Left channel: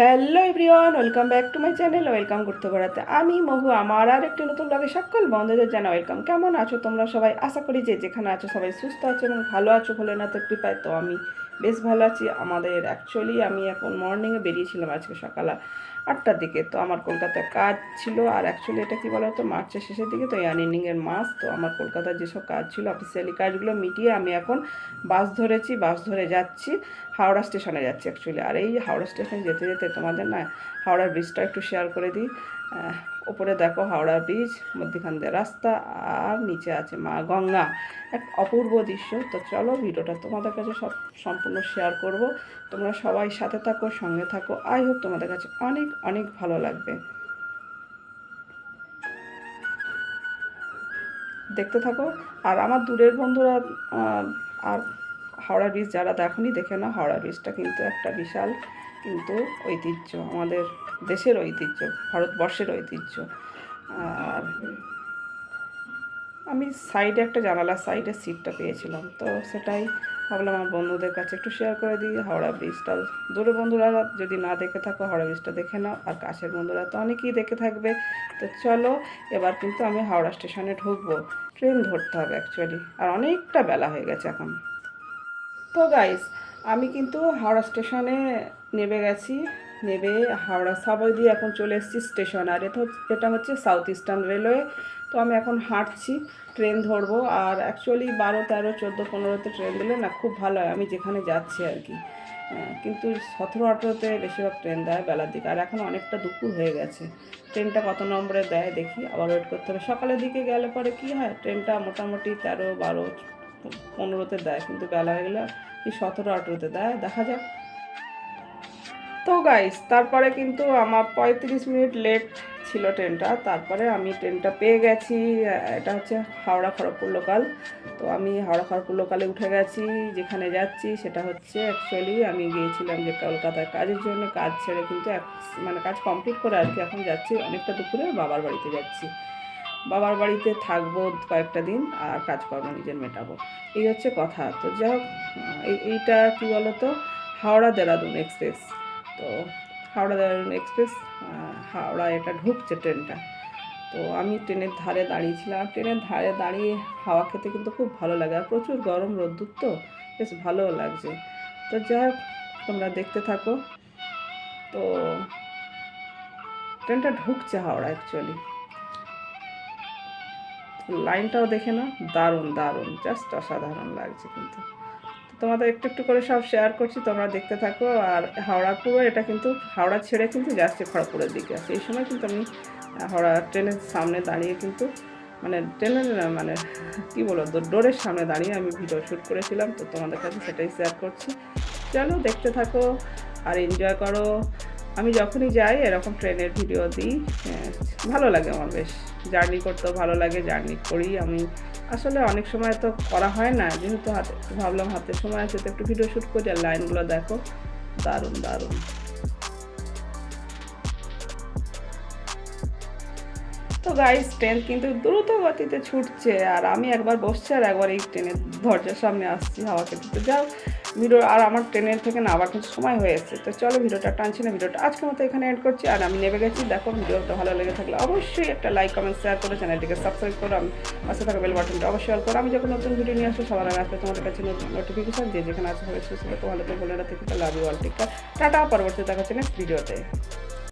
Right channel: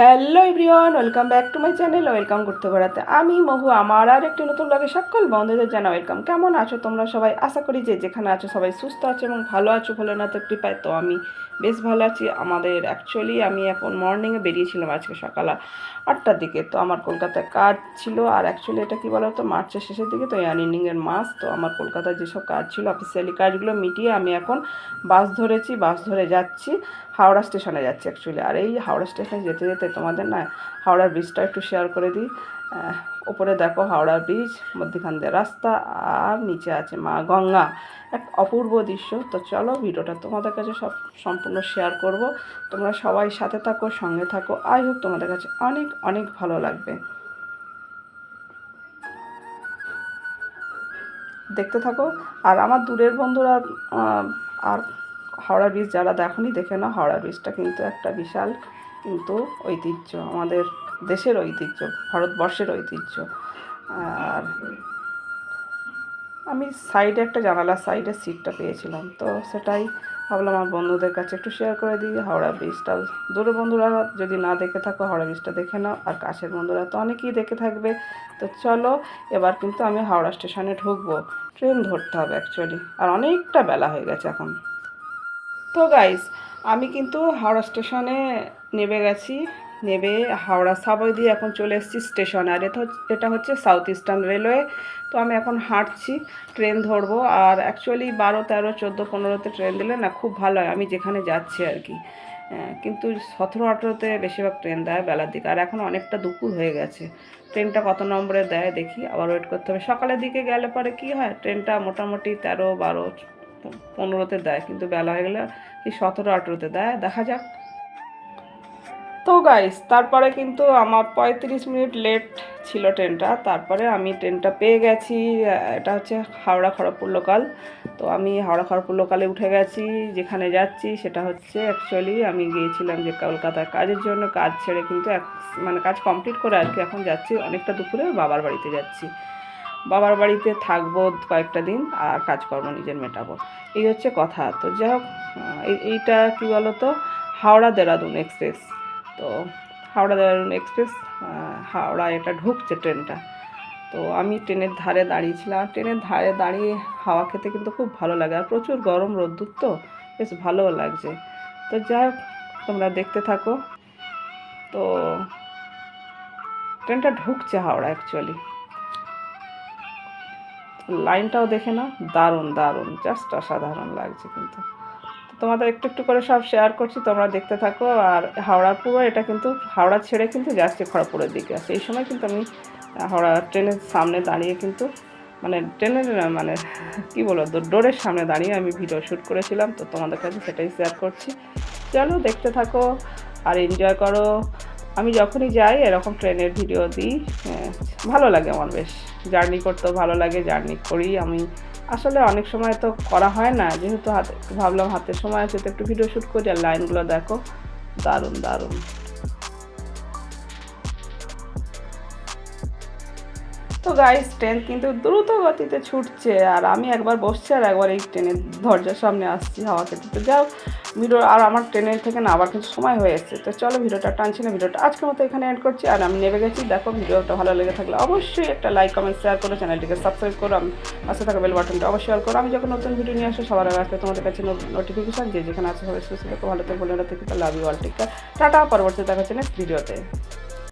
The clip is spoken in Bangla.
Hello everyone, welcome back to my channel. Welcome করতে বেড়াতে আমি মহু আমার আর একটি নতুন ব্লগে সকল বন্ধুদের জানা ওয়েলকাম। কেমন আছো তোমরা সবাই? আশা করি যে যেখানে আছো সবাই সুস্থ আছো এবং ভালো আছো, ভালো না তো কৃপায়। তো আমি বেশ ভালো আছি। আমাদের অ্যাকচুয়ালি আমি এখন মর্নিংয়ে বেরিয়েছিলাম আজকে সকাল 8টার দিকে। তো আমার কলকাতায় কাজ ছিল, আর অ্যাকচুয়ালি এটা কী বলো তো, মার্চের শেষের দিকে তো আর্নিংয়ের মাস। তো আমার কলকাতায় যেসব কাজ ছিল অফিসিয়ালি কাজগুলো মিটিয়ে আমি এখন বাস ধরেছি, বাস ধরে যাচ্ছি হাওড়া স্টেশনে যাচ্ছি অ্যাকচুয়ালি। আর এই হাওড়া স্টেশনে যেতে যেতে তোমাদের না হাওড়ার ব্রিজটা একটু শেয়ার করে দিই। ওপরে দেখো হাওড়া ব্রিজ, মধ্যখান দিয়ে রাস্তা, আর নিচে আছে মা গঙ্গা, এক অপূর্ব দৃশ্য। তো চলো ভিডিওটা তোমাদের কাছে সব সম্পূর্ণ শেয়ার করব। তোমরা সবাই সাথে থাকো, সঙ্গে থাকো। আই হোপ তোমাদের কাছে অনেক অনেক ভালো লাগবে। দেখতে থাকো। আর আমার দূরের বন্ধুরা আর হাওড়া ব্রিজ যারা দেখোনি দেখে নাও। হাওড়া ব্রিজটা কিন্তু একটা বিশাল কিন্তু ঐতিহ্য, আমাদের দেশের ঐতিহ্য, ভারতবর্ষের ঐতিহ্য। আর আমি সাইডে একটা জানালার সাইডে সিটটা পেয়েছিলাম, তো সেটাই ভাবলাম আমার বন্ধুদের কাছে একটু শেয়ার করে দিই। হাওড়া ব্রিজটা দূরের বন্ধুরা যদি না দেখে থাকো হাওড়া ব্রিজটা দেখে নাও, আর কাছের বন্ধুরা তো অনেকেই দেখে থাকবে। তো চলো এবার কিন্তু আমি হাওড়া স্টেশনে ঢুকবো, ট্রেন ধরতে হবে অ্যাকচুয়ালি, আর অনেকটা বেলা হয়ে গেছে এখন। তো গাইস, আমি কিন্তু হাওড়া স্টেশনে নেমে গেছি। নেমে হাওড়া সাবই দিয়ে এখন চলে এসেছি স্টেশন। আর এটা হচ্ছে সাউথ ইস্টার্ন রেলওয়ে। তো আমি এখন হাঁটছি, ট্রেন ধরবো। আর অ্যাকচুয়ালি 12, 13, 14, 15তে ট্রেন দিলে না খুব ভালো হয়, আমি যেখানে যাচ্ছি আর কি। কিন্তু 17, 18তে বেশিরভাগ ট্রেন দেয় বেলার দিকে। আর এখন অনেকটা দুপুর হয়ে গেছে। ট্রেনটা কত নম্বরে দেয় দেখি, আবার ওয়েট করতে হবে। সকালের দিকে গেলে পরে কী হয়, ট্রেনটা মোটামুটি 13, 12, 15তে দেয়, কিন্তু বেলা হয়ে গেলে এই 17, 18তে দেয়, দেখা যাক। তো গাইস, তারপরে কিন্তু আমার 35 মিনিট লেট ছিল ট্রেনটা। তারপরে আমি ট্রেনটা পেয়ে গেছি। এটা হচ্ছে হাওড়া খড়গপুর লোকাল। তো আমি হাওড়া খড়গপুর লোকালে উঠে গেছি। যেখানে যাচ্ছি সেটা হচ্ছে অ্যাকচুয়ালি আমি গিয়েছিলাম যে কলকাতায় কাজের জন্য, কাজ ছেড়ে কিন্তু মানে কাজ কমপ্লিট করে আর কি এখন যাচ্ছি অনেকটা দুপুরে বাবার বাড়িতে যাচ্ছি। বাবার বাড়িতে থাকবো কয়েকটা দিন, আর কাজকর্ম নিজের মেটাবো, এই হচ্ছে কথা। তো যাই হোক, এইটা কী বলো তো, হাওড়া দেরাদুন এক্সপ্রেস। তো হাওড়া দেরাদুন এক্সপ্রেস, হাওড়া এটা ঢুকছে ট্রেনটা। তো আমি ট্রেনের ধারে দাঁড়িয়েছিলাম। ট্রেনের ধারে দাঁড়িয়ে হাওয়া খেতে কিন্তু খুব ভালো লাগে, আর প্রচুর গরম রোদ্দুর, তো বেশ ভালোও লাগছে। তো যাই হোক, তোমরা দেখতে থাকো। তো ট্রেনটা ঢুকছে হাওড়া অ্যাকচুয়ালি, লাইনটাও দেখে না, দারুণ দারুণ, জাস্ট অসাধারণ লাগছে কিন্তু। তোমাদের একটু একটু করে সব শেয়ার করছি, তোমরা দেখতে থাকো। আর হাওড়া পুরো এটা কিন্তু হাওড়া ছেড়ে কিন্তু যাচ্ছে খড়গপুরের দিকে। সেই সময় কিন্তু আমি হাওড়া ট্রেনের সামনে দাঁড়িয়ে কিন্তু মানে ট্রেনের মানে কী বলো, ডোরের সামনে দাঁড়িয়ে আমি ভিডিও শ্যুট করেছিলাম। তো তোমাদের কাছে সেটাই শেয়ার করছি। চলো দেখতে থাকো আর এনজয় করো। আমি যখনই যাই এরকম ট্রেনের ভিডিও দিই, ভালো লাগে আমার, বেশ জার্নি করতেও ভালো লাগে, জার্নি করি আমি। আসলে অনেক সময় তো করা হয় না, যেহেতু হাতে, ভাবলাম হাতে সময় আছে তো একটু ভিডিও শ্যুট করি। আর লাইনগুলো দেখো, দারুণ দারুণ। তো গাইস, ট্রেন কিন্তু দ্রুত গতিতে ছুটছে, আর আমি একবার বসছি আর একবার এই ট্রেনের দরজার সামনে আসছি হাওয়া খেতে। তো যাও ভিডিও, আর আমার ট্রেনের থেকে না আবার কিছু সময় হয়ে এসেছে। তো চলো ভিডিওটা টানছি না, ভিডিওটা আজকের মতো এখানে এড করছি। আর আমি নেমে গেছি। দেখো ভিডিওটা ভালো লেগে থাকলে অবশ্যই একটা লাইক, কমেন্ট, শেয়ার করো, চ্যানেলটিকে সাবস্ক্রাইব করো, আমি পাশে থাকা বেল বাটনটা অবশ্যই অল করো। আমি যখন নতুন ভিডিও নিয়ে আসবো সবার আগে আসবে তোমাদের কাছে নোটিফিকেশন। যেখানে আছে সবাই সুস্থ থাকো, ভালো করে বলে রাখতে love you all, take care, tata. পরবর্তী দেখা হচ্ছে নেক্সট ভিডিওতে।